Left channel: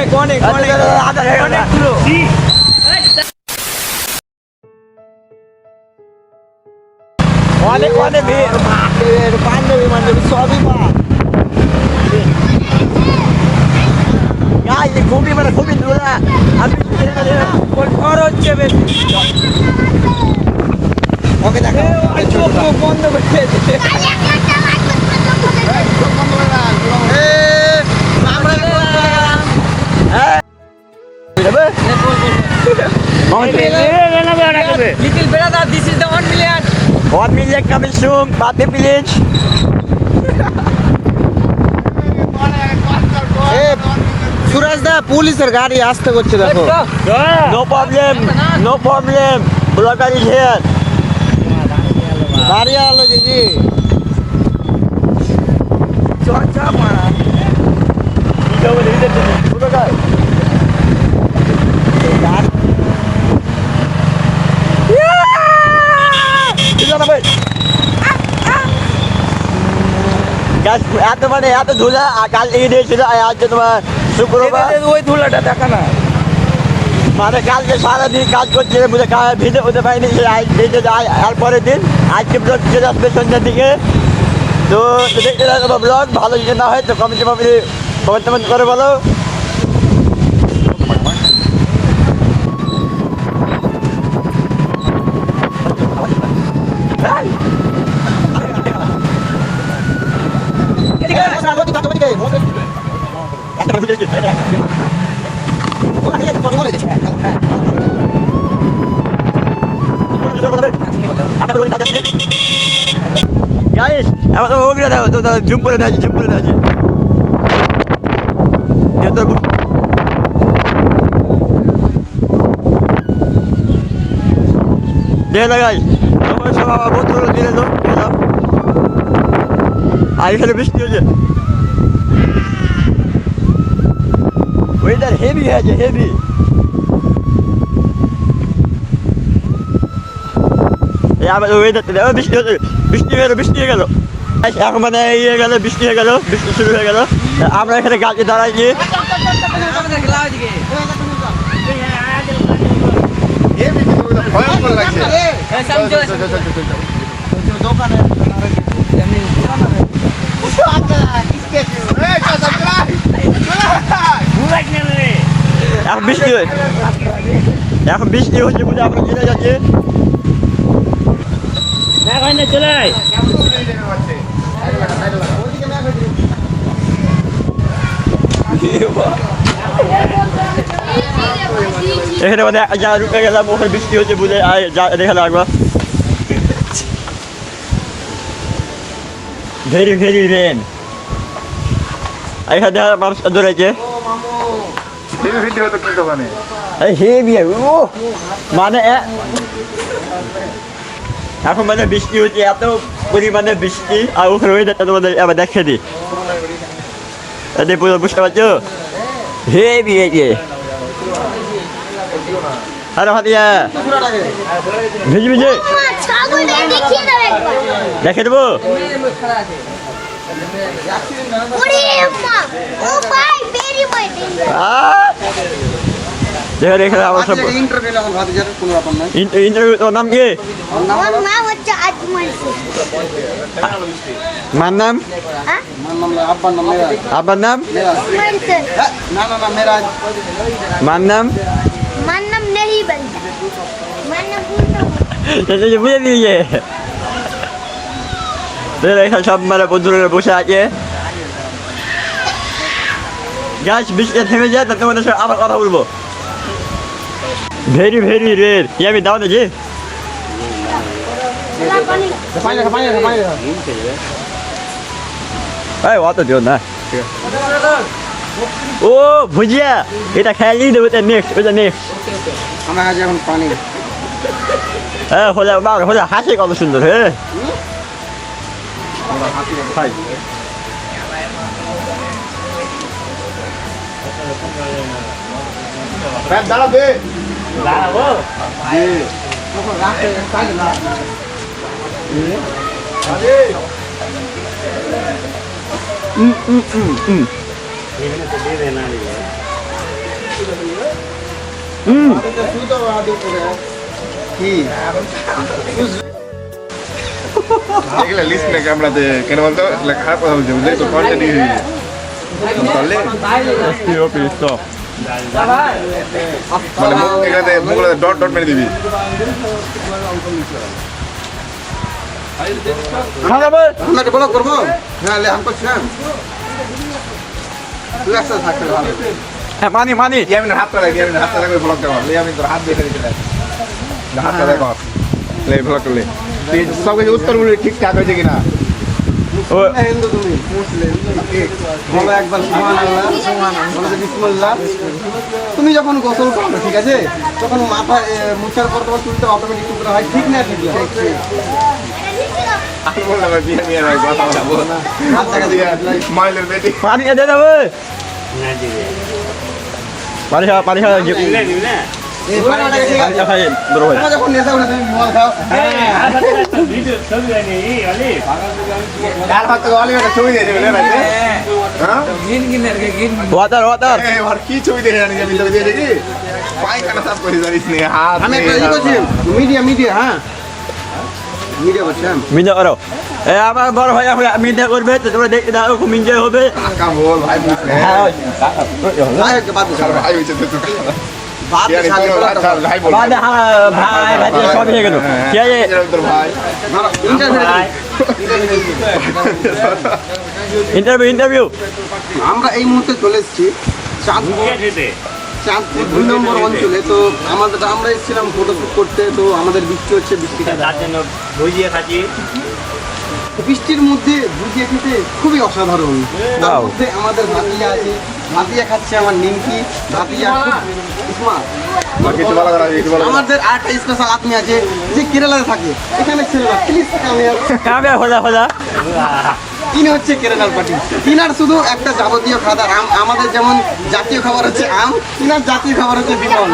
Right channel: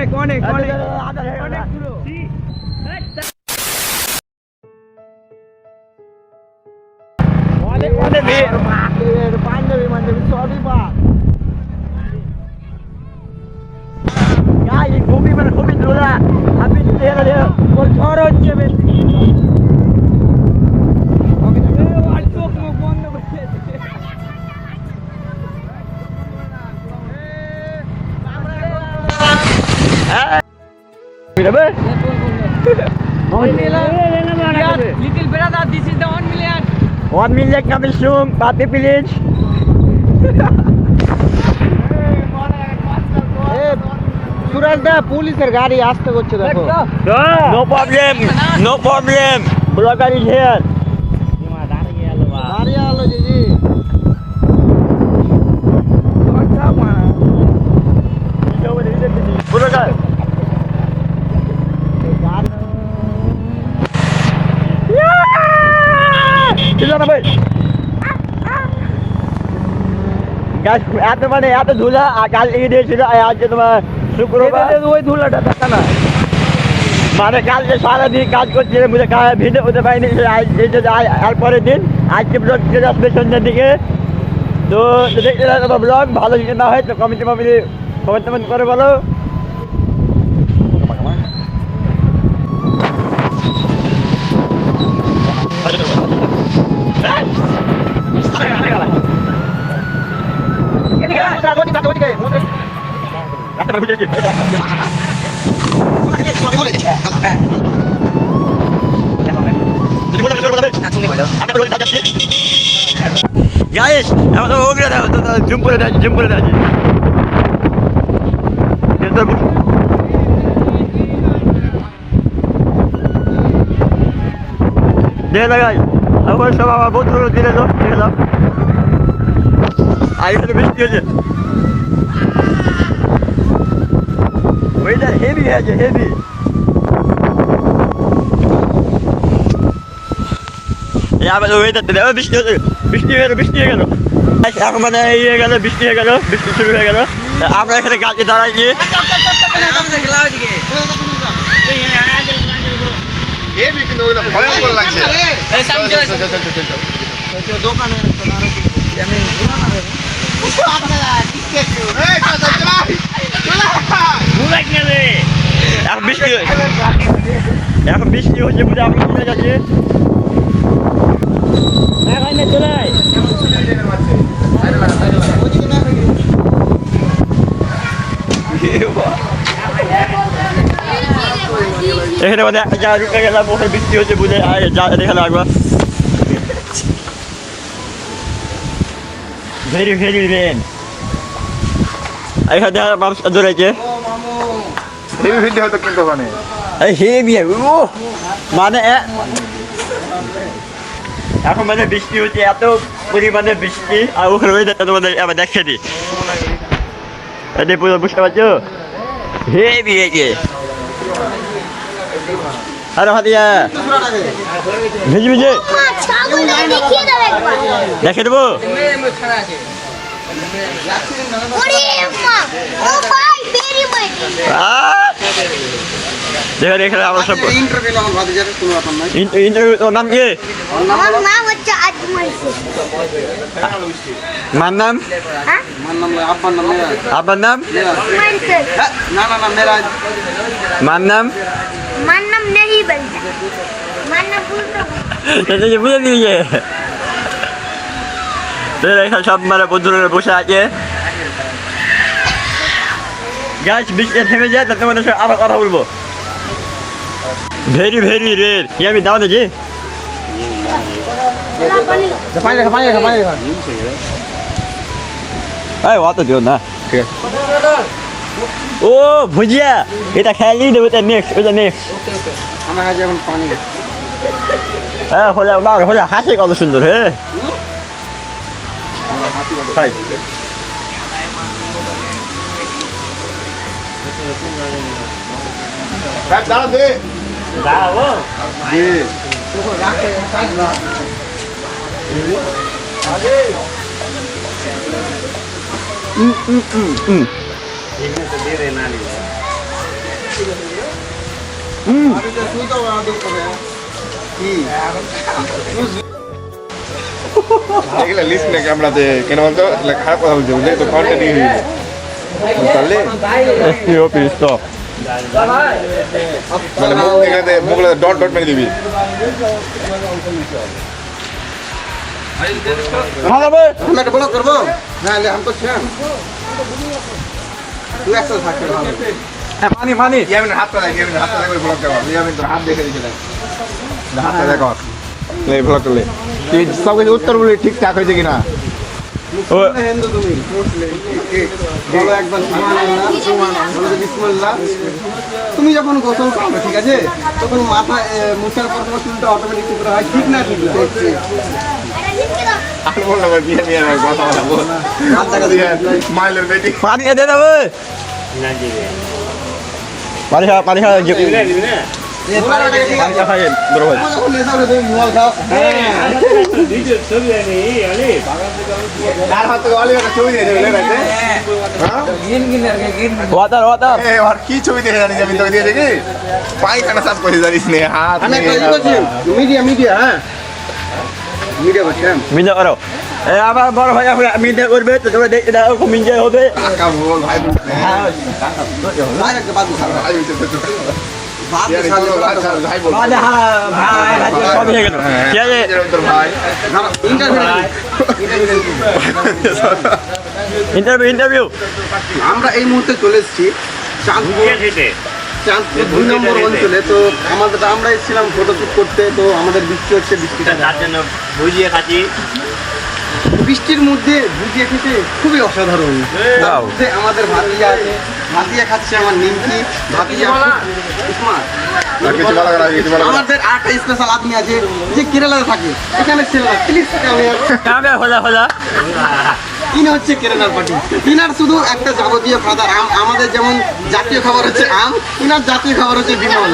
অনেক অনেক অনেক অনেকগুলো অনেক অনেক পাঞ্জাবি মাঞ্জাবি সবই পা খুবই মানে খুবই দূরা আপনি ঘর হচ্ছে বেশি ওকে দেখা বন্ধ করছে Little brother, this is the 1 million. 1 million coming soon, Pati Village. সুরাজ দা পুলিশের গাড়ি আসতে করছে দেখো no problem no problem blogger is here দাঁড়িয়ে আলো জি চর্চা মারা ব্লগার এত মানে এত ধুলা কাল ঈদ হয়েছিল আজ তোমার শুক্রবার ওই ধুলাটা দেখা না মানে কালকে সারাদিন কাজ করছিল বুঝে ভিজে হতে পারিনি আর পরের দিন আজকে ব্লগ চলে আসবে সন্ধ্যার দিকে তো দেখতে থাকো ব্লগ ভালো যদি না হয় তো কমেন্ট করে বলো Guys, আমাদের ওগুলো দাও তো জুম করে দাও দে লাগাই আমার সব আমার বন্ধুগুলো দিয়ে দাও আর এখানে বৃষ্টি হয়েছে ওয়েদার হেভি হয়েছে হেভি আমাদের ওয়েদার বৃষ্টি হয়ে গেল এখন মানে ইয়ে গেল বৃষ্টি শুরু হয়ে গেল আমরা এখানে গাছে দাঁড়াইছি এখন বৃষ্টি হচ্ছে বুঝে আমরা চলে যাচ্ছি এখানে মানে যা রুকে গেলাম ওখানে বৃষ্টি হচ্ছে বুঝে দেখালাম একবার ভেরি ভেরি রেন এখানে মানুষ ধরেছে হেভি মানে এখন মানে বৃষ্টি হচ্ছে এত পরিমাণে বৃষ্টি আর ওখানে ওয়েদারটা তোমাদের আবার দেখে দিই পুরো বুঝতে পারছো হেভি হয়েছে আরে হাতিয়া ভিজে দেখে দেবো দেখে এখানে আমরা সব ইন্টারভিউ তোর নাম কি মার নাম আব্বার নাম মার নাম বুঝে দিয়েছে এখানে সব মানে বন্ধুরা বসে আছে গাছ বৃষ্টি থেমে যায় তার তোমাদের সাথে আবার কথা বলবো ভেরি ভেরি রের আমি দাও দেখি অত দিও না ও ভুজিয়া এটা খেয়ালি দেবো নেক্সট হ্যাঁ হোলা হাসি কত সুন্দর হ্যাঁ দাঁড়াবে দাঁড়াবো এগুলা লিস্ট নাকি আমরা যে কেন বলতো খারাপ কথা বলছি বুঝলি তো কন্টেন্ট দিয়ে দিবি তাহলে মানে মুখগুলো ডট ডট মেরে দিবি আপনাকে বলো করবো হ্যাঁ আমি করছিলাম তুই একসাথে থাকতে ভালো পানি পানি ইয়ামিন হাতটা দেখ ইয়ামিন হাতটা দেখ ওই ব্লগটা কর ইয়ামিন তোর হাত দেখে দিতে দেখ হাতটা দেখো এই ব্লগ করলে তুই সব কিছু উত্তরগুলো ঠিকঠাক হয়েছে কিনা হিন্দু তুমি মুসলিম বলো একবার সুবহানাল্লাহ বলো যে বিসমিল্লাহ তুমি যখন গোসল করো ঠিক আছে তখন মাথা মুছার পর তোমার চুলটা অটোমেটিক টুকরা হয় ঠিক না ঠিক দেখছি আমি বললাম বিয়ে নিয়ে ভাই কথা বলবো না হাত টাকা দিয়ে মাইলের বেটি পানি দে দেবে পানি খাওয়া পানি খাওয়া পানি খাই বড় ভাই যখন নেশা করে তুমি মোবাইল খাও হ্যাঁ কার হাতে গলি একটা ছবি দিয়েছে বুঝলে না হ্যাঁ ওয়াটার ওয়াটার আর কি ছবি দেখে জানি আমি তোকে দিয়েছে কি পায়খানা সাফ করে জানিস নে হাত আমি একটা ই করছি মিডিয়া হ্যাঁ মিডিয়া করছিলাম মিলে করো আমার বড় ভাই মিলে করবে তো তোমরা দেখতে দাও খুব এনজয় হবে কাকা বল ভাই বুঝলে ভাই একটা বাদ দাও ভাই হইছে তো বাদ ভাই বল মানে ভাই সব হয়ে গেল ঠিক আছে তোর ভাই ইন্টারভিউ আমরা এই মুহূর্তে চলে এসেছি চাঁদপুর 2 নম্বর অঞ্চলে তো আমরা এসেছিলাম ফটোশুট করতে তো আমাদের বৃষ্টি হচ্ছে বৃষ্টির মধ্যে ভুজিয়া খেতে খুবই অসাধারণ তার মধ্যে আমাদের ভাতিয়া আছে ভাতিয়া খাচ্ছে আমার নিমকি ভাতিয়া স্মার্ট কিছু বলা করা কিছু বলা আমাদের আরেকটা স্পেশাল আদমি আছে যে কেরালাতে থাকে এখানে ছিল না প্লিজ কামে হলা ইনি হচ্ছে কেরালার পার্টি ইনার শুধু একটা যাবতীয় খাবার আমাদের যেমন জাতীয় খাবার হচ্ছে আম ইনার জাতীয় খাবার হচ্ছে বিমল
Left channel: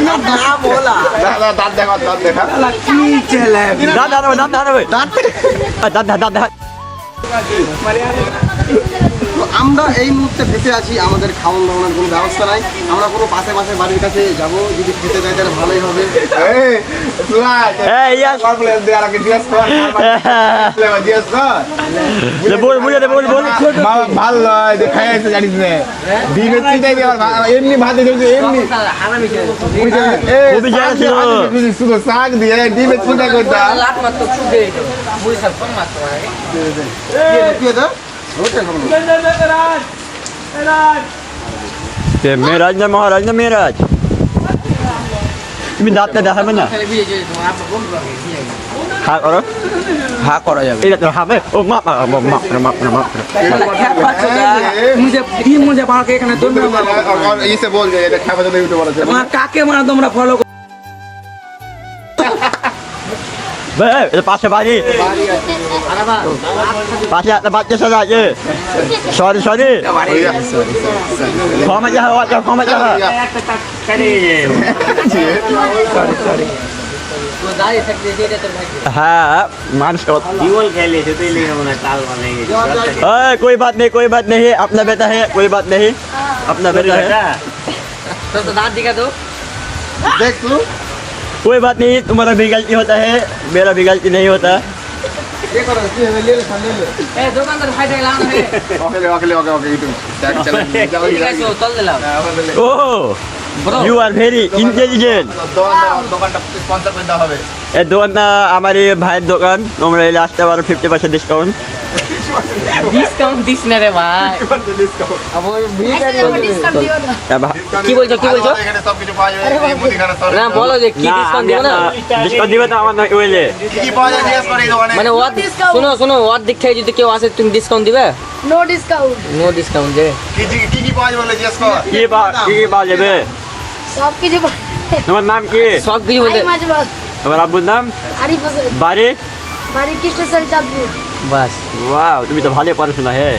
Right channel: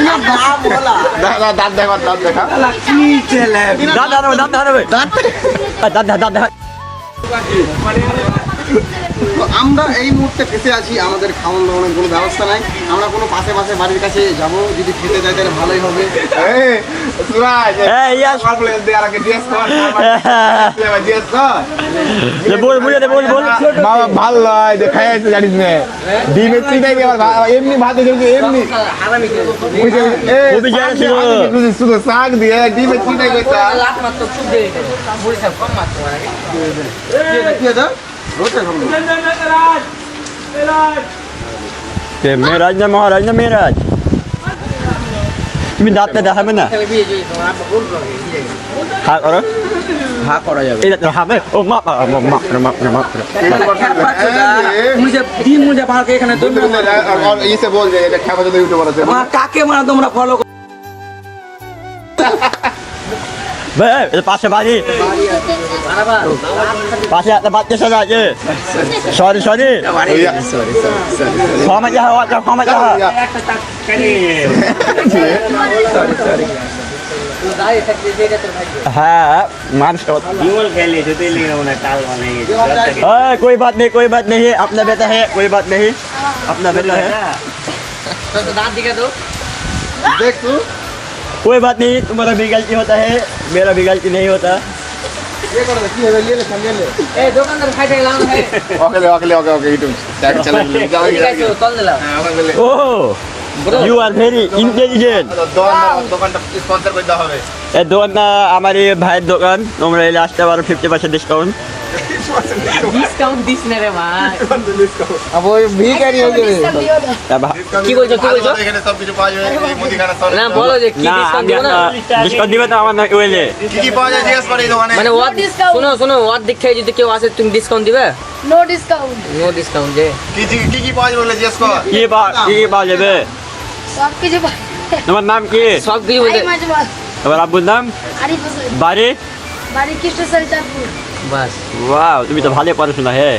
ইনার দাম বলা দাঁত দেখা দাঁত দেখা কি ছেলে দাদা তো আমরা এই মুহূর্তে ফেসে আছি আমাদের খাওয়ান দাওয়ানোর কোনো ব্যবস্থা নাই আমরা কোনো পাশে বাড়ির কাছে যাব যদি খেতে যাই তাহলে ভালোই হবে এই সুরাজ এই ইয়াস কমপ্লেন দে আর আগে জিএস কর জিএস কর বল বাবা ভালো নয় দেখাইছে জানিস না ডিমের চিন্তাই আর এমনি ভাতে চলছে এমনি খুবই জায়গা ছিল শুধু শাক দিয়ে ডিমের চিন্তাই করতে কি দাও রোটা খাবো মেরাজ না মহারাজ না মেরাজ তুমি দাঁতটা দেখাবে না হা করো হা করা যাবে এটা তো হবে ও মাপ मुझे भाग के एखाने तुम और इसे बोल दे এটা খাবার জন্য ইউটিউবার আছে काके मारा তোমরা ফলো পাশে বাড়ি পাশে একটা বাচ্চা শোনা আছে সরি ক্ষমা যাহা হ্যাঁ মানুষ कोई बात नहीं अपना बेटा है कोई बात नहीं अपना बेटा है দেখ तू कोई बात नहीं तुम्हारा भी गलती होता है मेरा भी गलती नहीं होता ये करो কি হবে ले ले सामने ले ए দোকানদার ফাইটে গেলাম ওকে ইউটিউব ট্যাগ চালাও কল দিলাম ओह you are very intelligent দোকানটা স্পন্সর করতে হবে এই দোকানটা আমার এই ভাইয়ের দোকান তোমরা এলে আসতে পারো 50% ডিসকাউন্ট ডিসকাউন্ট দিস না রে ভাই अब ওই ভিখারি হয়ে যাবে কি বলছো এখানে সব কিছু পাওয়া যাবে মুদিখানা সব না বলো যে কি ডিসকাউন্ট দিও না ডিসকাউন্ট দিবে তো আমার ওইলে কি পাওয়া যায় জিজ্ঞেস করে এই দোকানে মানে ওর শোনো ওর দিক থেকে যদি কেউ আসে তুমি ডিসকাউন্ট দিবে নো ডিসকাউন্ট নো ডিসকাউন্ট দে কি পাওয়া যাবে বলে জিজ্ঞেস কর কি পাওয়া যাবে সব কিছু তোমার নাম কি সব কিছু বলতে মাঝবাস তোমার আব্বুর নাম আরিফ হোসেন বাড়ি বাড়ি কৃষ্ণসারি চাঁদপুর বাস ওয়াও তুমি তো ভালো পড়াশোনা হে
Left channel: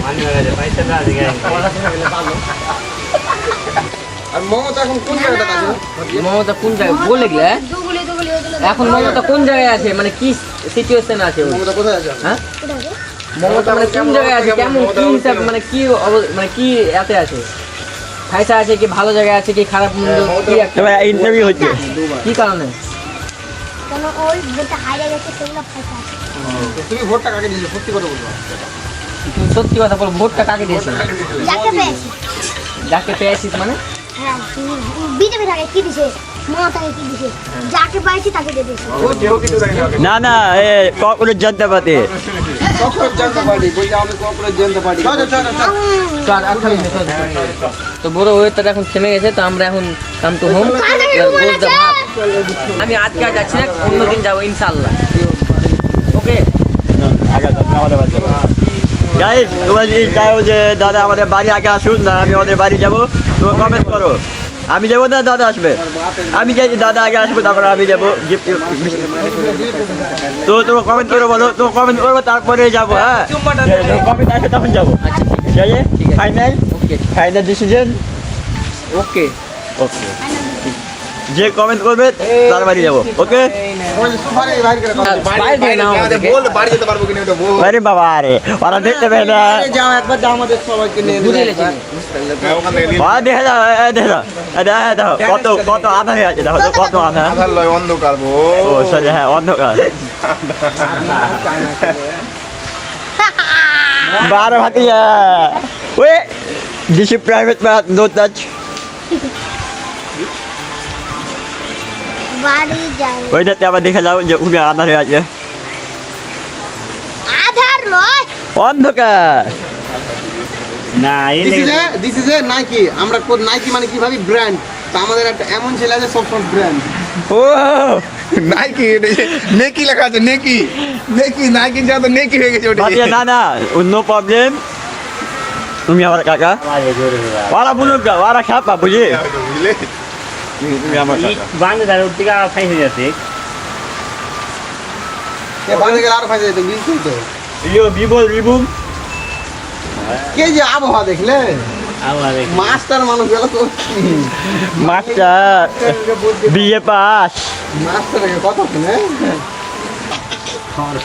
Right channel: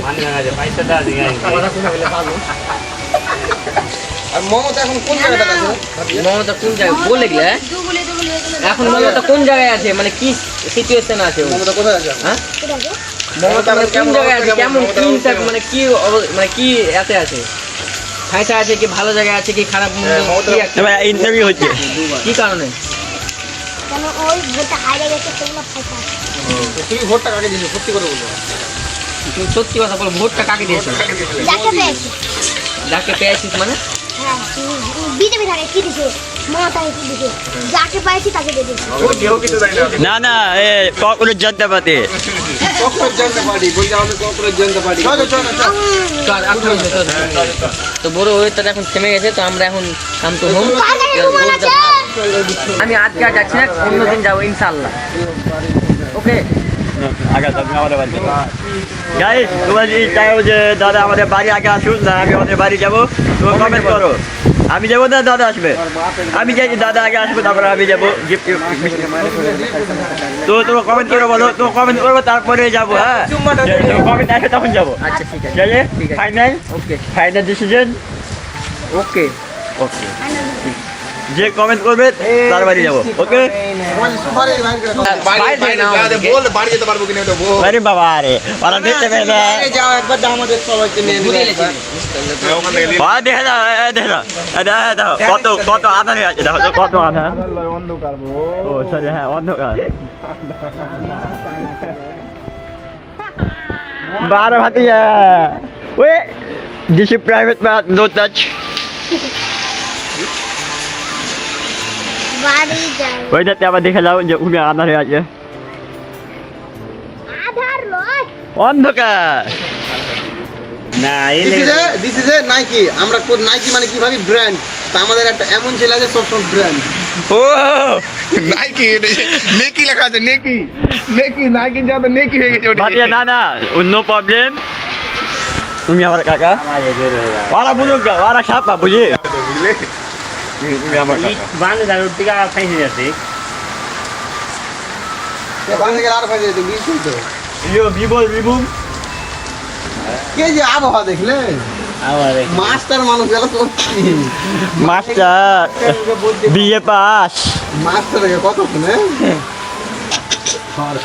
আর মমতা এখন কোন জায়গাটা আছে মমতা কোন জায়গায় বলে গেলে দুগুলি এখন মমতা কোন জায়গায় আছে মানে কি সিচুয়েশন আছে ও? মমতা কোথায় আছে হ্যাঁ মমতা মানে কোন জায়গায় আছে কেমন কি হিসাব মানে কি মানে কি এতে আছে ফাইসা আছে কি ভালো জায়গায় আছে কি খারাপ মন্দ কি একটা এবার ইন্টারভিউ হচ্ছে কি কারণে কেন ওই ভোটটা হারিয়ে গেছে তোমরা ফাইসা আছে তুমি ভোটটা কাকে দিলে সত্যি করে বলবো তুমি সত্যি কথা বলো ভোটটা কাকে দিয়েছো যাকে পেয়েছি যাকে পেয়েছিস মানে হ্যাঁ বিজেপি থাকে কি দিছে মমতা কি দিছে যাকে পাইছি তাকে দিয়ে দিছে না না এ কখনোজ জনতা পার্টি কখনো জানতে পারি বলছি আমি কখনো জানতে পারি চলো চলো তো বড় ওয়েটটা এখন থেমে গেছে তো আমরা এখন কাম তো হোম আমি আজকে আর যাচ্ছি না অন্যদিন যাবো ইনশাআল্লাহ ওকে আগে আমাদের বাড়ি যাবো যাই তোমরা যদি চাও যে দাদা আমাদের বাড়ি আগে আসুন না আমি আমাদের বাড়ি যাবো তোমরা কমেন্ট করো আমি যাবো না দাদা আসবে আমি যাই দাদা আগে আসবো তারপরে আমি যাবো গিফট তো তোমার কমেন্ট করো বলো তোমার কমেন্ট করবো তারপরে যাবো হ্যাঁ কমেন্ট আসে তখন যাবো আচ্ছা ঠিক আছে ঠিক আছে। Final okay final decision okay okay যে কমেন্ট করবে তার বাড়ি যাবো ওকে বল বাড়ি যেতে পারবো কিনা এটা বল আরে বাবা আরে ওরা দেখতে পেয়ে না যাও একবার যাও আমাদের সবাইকে নিয়ে বুঝে গেছি দেখে দাও দেখে দাও দেখে দাও কত কত আধা হয়ে আছে দেখো তো কত আধা আধার লয় অন্ধকার ও সরি হ্যাঁ অন্ধকার 12 ভাতিয়া ওই this private but no touch বাড়ি যাই ওইটাতে আবার দেখে যাও যে উনি আধা হয়ে আছে আধার নয় অন্ধকার দিস ইজ এ নাইকি আমরা কোন নাইকি মানে কি ভাবি ব্র্যান্ড তো আমাদের একটা এমন ছেলে আছে সব ব্র্যান্ড ও নাইকি নেকি লেখা আছে নেকি নেকি নাইকি যা তো নেকি হয়ে গেছে ভাতিয়া না না নো প্রবলেম তুমি আমার কাকা ওরা বুঝুক ওরা খাপা বুঝি বুঝলে তুমি আমার কাকা বাংলা গেলে আর ফাইজে দেখবি তো রিবুম কে যে আবহাওয়া দেখলে মাস্টার মানুষ গেল তো মাস্টার বিএ পাস মাস্টার কত কিনে আর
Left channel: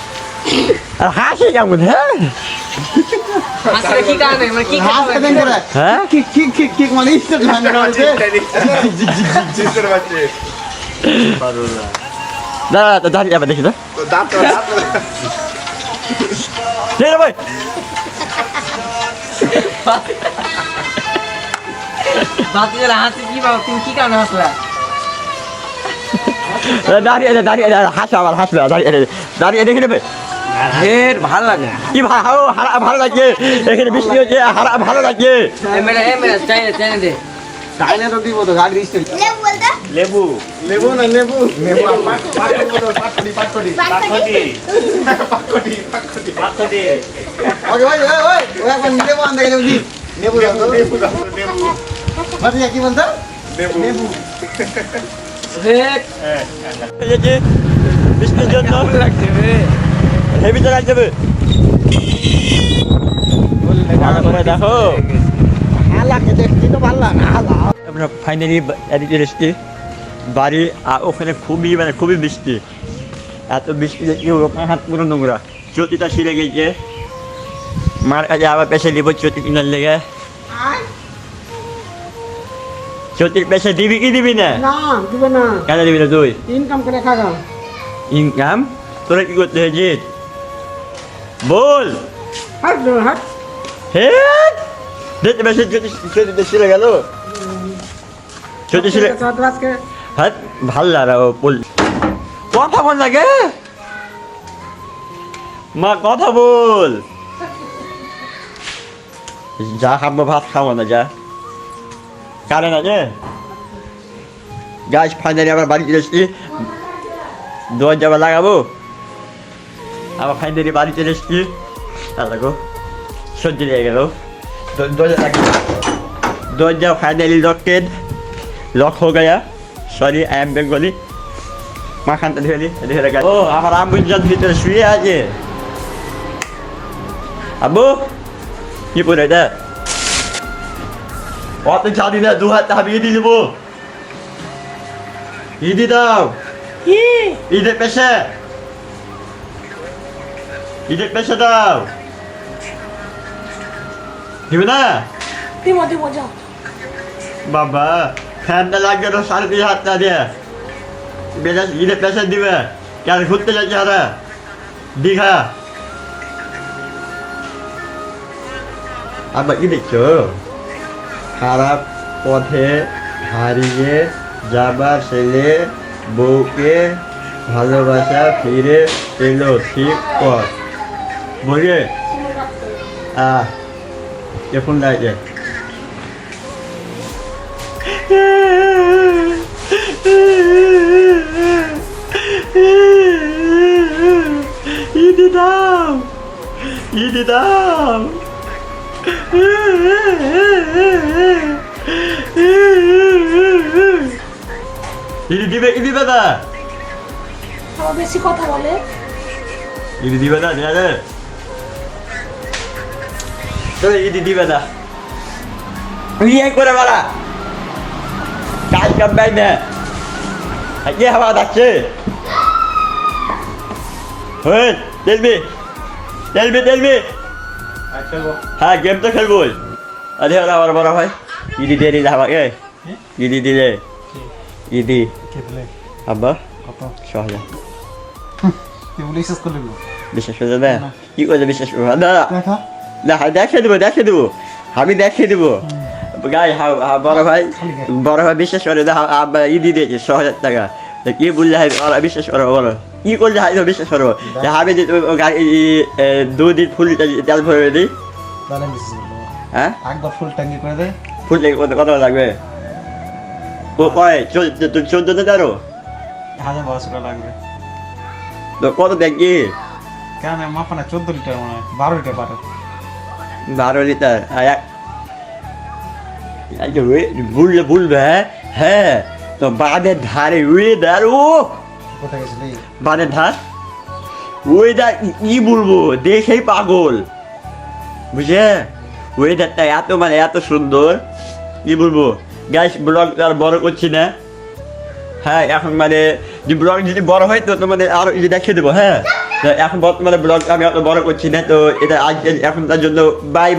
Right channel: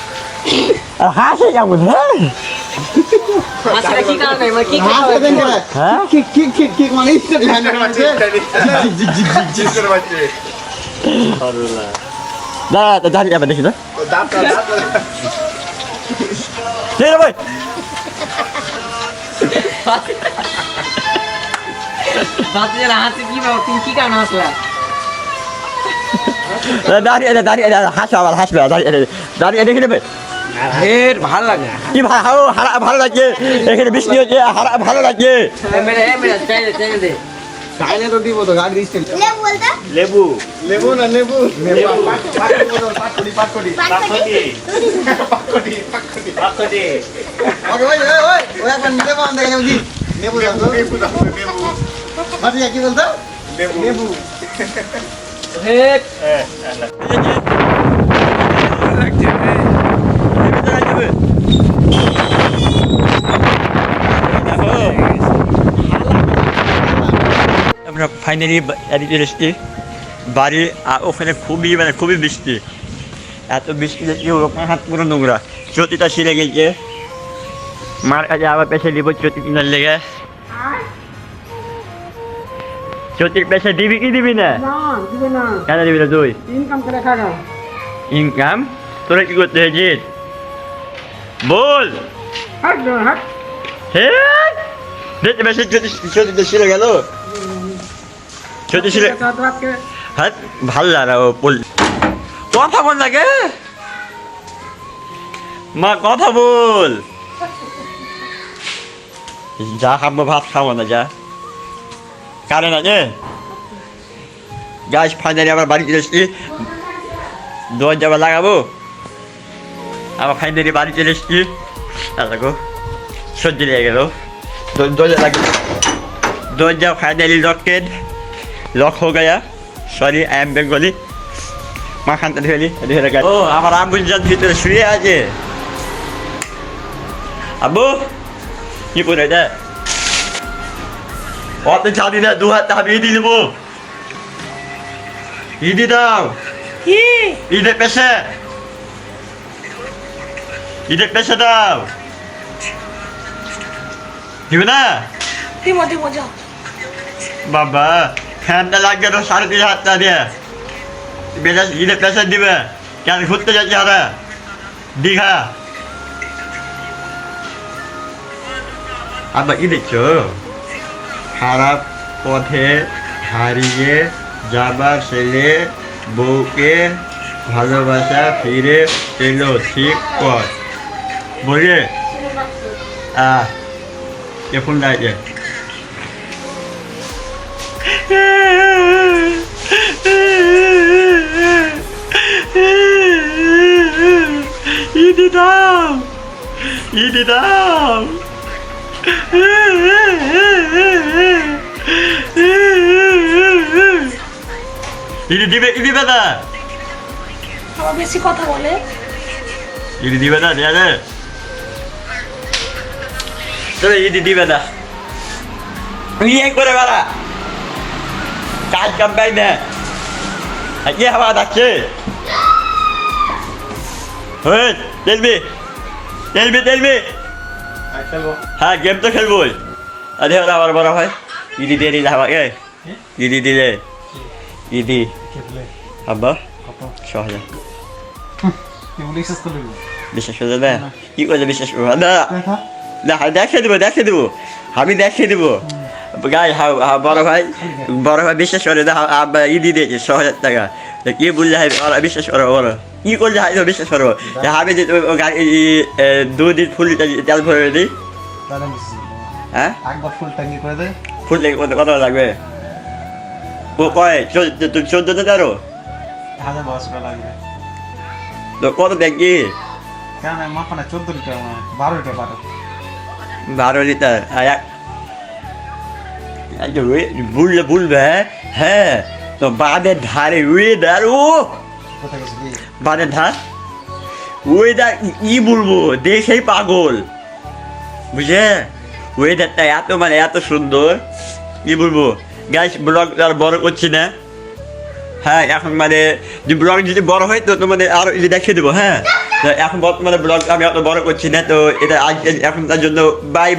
হাসে কেমন হ্যাঁ আসলে কি কারণে মানে কি হাসতে কারণে দেন কেন? হ্যাঁ ঠিক ঠিক ঠিক ঠিক মানে ইস্টেট লাইন আছে জিসের বাচ্চা দাঁড়া তো দাঁড়িয়ে যাবে দেখি তো দাঁত ঠিক ভাই বাচ্চাদের হাসি কি বাবা তুমি কি কারণে হাসলা দাঁড়িয়ে দাঁড়িয়ে হাসবে আবার হাসবে দাঁড়িয়ে দেখে নেবে এর ভালো লাগে কি ভালো লাগছে এখানে বৃষ্টি হচ্ছে ভালো লাগছে মেরে ট্রেনে দে চাইনা তো দিব তো গাড়ি ইস্টেট লে বলতে লেবু না লেবু ওকে ভাই ওই ওই এখন নিতে পারেন দেখে নেব কি নেবু দাও তো লেবু বাতি কি বলতো নেবু হেট হেভি চালাই যাবে দেখো আমরা ফাইনালি এদিকে এসেছি বাড়ি আর ওখানে খুবই বৃষ্টি এত বৃষ্টি দেখছি হাত পুরো নোংরা চটিটা ছিঁড়ে গেছে মার কাছে আবার পেছে দিব চটি কিনার লেগে চটির পেছে দিবি কি দিবি না দিবে না কেন দিবি না তুই ইনকাম করে খাও ইনকাম তোরা কি করতে হয়েছিস বল হ্যাঁ দেখতে পেয়েছিস চটিটা ছিঁড়ে গেল চটি ছিঁড়ে হ্যাঁ ভাল লাগে ও কথা বল লাগে মা কথা বল যা খাবো ভাত খাবো না যা কারেন্ট আছে গাছ ফাইনালি আবার বাড়ি চলে এসেছি দরজা লাগাবো আবার ফাইনালি বাড়ি চলে এসেছি দেখো সর্দি লেগে গেল दरवाजा लगी दरवाजा फाइनली लॉक हो गया सॉरी आई एम बेंगली माखान तो ढेली ओ আমার আম্বুজান ভিতরে শুয়ে আছে আব্বু কি পড়ে এটা অত জানি না দু হাত আমি দিয়ে দেবো ইদি দাও কি ইদে পেশা দাও দিবে না দিমো যাও বাবা ফ্যানটা লাগবে তো 3,500 টাকা দিয়ে ঈদের পেশা দিবে কেন ঘুরতে যাচ্ছে ওরা দীঘা আবার কি দেখছো খারাপ পথে হারিয়ে যাবার ছেলে বউকে ভালোবাসা ফিরে এলো ঠিক পথ বুঝলে কে ফোন লাগছে ইদি দাও ইদি দাও ইদি দিবে ইদি দাদা আবার বেশি কথা বলে ইদি দিবে না দেয়া দে তবে ইদি দিবে না ইয়ে করে বেড়া কাজ কাম পাই না কে হাওয়া ডাকছে টেলবি হ্যাঁ গেম তো খেলবোই আরে ওরা আবার বড় হয় ইদি দিয়ে দিলে আমাকে ইদি দিলে ইদি আব্বা সহজে বিশ্বাস করে দেবে কি করে বিশ্বাস করবো না না দেখিয়ে দেবো আমি দেখিয়ে দেবো গাই বড় ভাই বিশ্বাস করে না আব্বা ইদি দিয়েছে 6,000 টাকা কি বললে ওরা বিশ্বাস করো বলো কি করলে বিশ্বাস করবো আমি যে গাড়ি 2 দিন ফুল তেল ভরে দিই হ্যাঁ একবার ফুল ট্যাঙ্কি করে দে ফুল ট্যাঙ্কি কত লাগবে ও কয় 14,000 1,000 লাগবে তো কত ট্যাঙ্কি কেন মাপানা 14 লিটার 12 লিটার 12 লিটার বলবে হ্যাঁ তো বাঁধের ধারে ওয়েদার ও কোথায় গেছিলি বাঁধের ধার ওয়েদার কি বলবো দেখেই পাগল বুঝলে ওয়েদারটা এত সুন্দর কি বলবো গাইস ব্লগ আর বড় করছি না হ্যাঁ এখন ব্লগ যদি বড় হয় তো তোমাদের আরো দেখিয়ে দেবো হ্যাঁ এখন বর্তমানে ব্লগ আমি অত বড় করছি না তো এটা আজ এখন তার জন্য বাই